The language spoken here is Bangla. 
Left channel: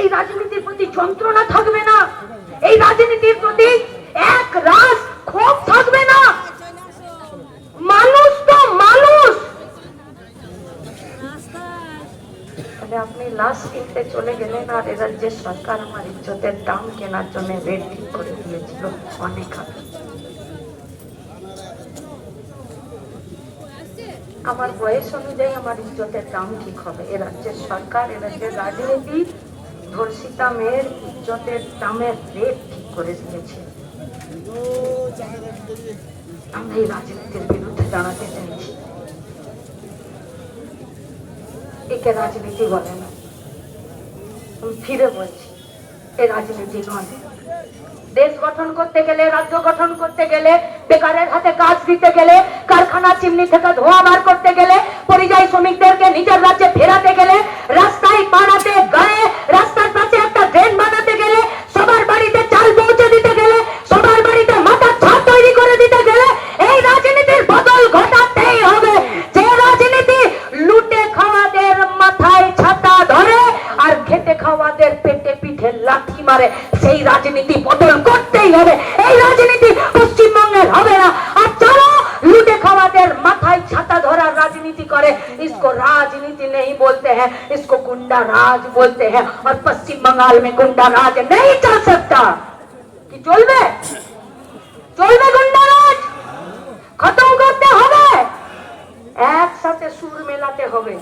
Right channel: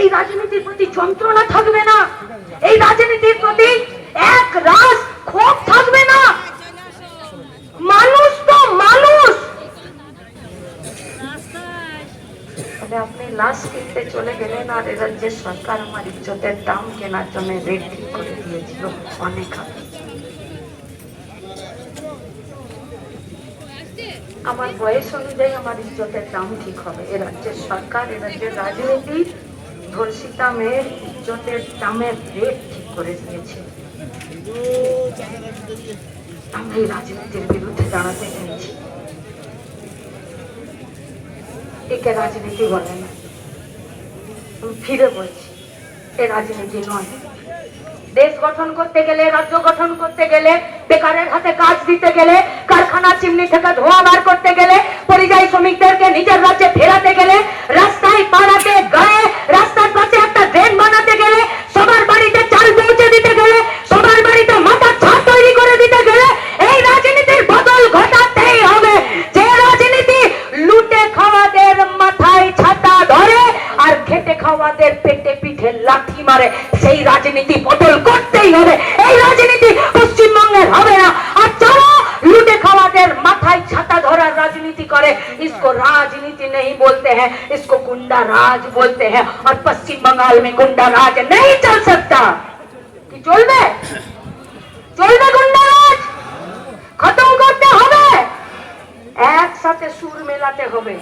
এই রাজনীতির প্রতি যন্ত্রণা থাকবে না, এই রাজনীতির প্রতি এক রাস ক্ষোভ থাকবে না। মানুষ তো মানুষ। আপনি লাশ কিনতে চলে গেলেন আর রাজ্যের সরকার আমার ইজ্জতের দাম কেনার জন্য রেট ঠিক করে দিয়েছিল অনেক আগে। আমার বয়স অনুযায়ী আমার ইজ্জতের দাম ঠিক হবে। এ রাজ্যের সরকার, এ রাজ্যের রাজনীতি ধর্ষিতা মেয়ের ইজ্জতের দামের রেট ঠিক করে দিয়েছে। আমি এই রাজনীতির বিরুদ্ধে দাঁড়াতে চাইছি। একে রাজনীতি বলে না, ফিরে বলছি এ রাজনীতি নয়। দেশ গঠন করতে গেলে, রাজ্য গঠন করতে গেলে, বেকারের হাতে কাজ দিতে গেলে, কারখানা চিমনি থেকে ধোঁয়া বার করতে গেলে, পরিযায়ী শ্রমিকদেরকে নিজের রাজ্যে ফেরাতে গেলে, রাস্তায় পাড়াতে গায়ে রাস্তার পাশে একটা ড্রেন বানাতে গেলে, সবার বাড়িতে চাল পৌঁছে দিতে গেলে, সবার বাড়িতে মাথার ছাদ তৈরি করে দিতে গেলে এই রাজনীতির বদল ঘটাতেই হবে। যে রাজনীতি লুটে খাওয়াদের মাথায় ছাতা ধরে আর খেটে খাওয়াদের পেটে পিঠে লাঠি মারে, সেই রাজনীতি বদল করতেই হবে। এই রাজনীতি পশ্চিমবঙ্গের হবে না। আর যারা লুটে খাওয়াদের মাথায় ছাতা ধরার রাজনীতি করে, इसको राजनीति नहीं बोलते हैं, इसको गुंडा राज बोलते हैं। और पश्चिम बंगाल में गुंडा राज नहीं चल सकता। कि चलবে? চলবে गुंडा राज? खत्म करते হবে, একসাথে সুর মেলাতে হবে।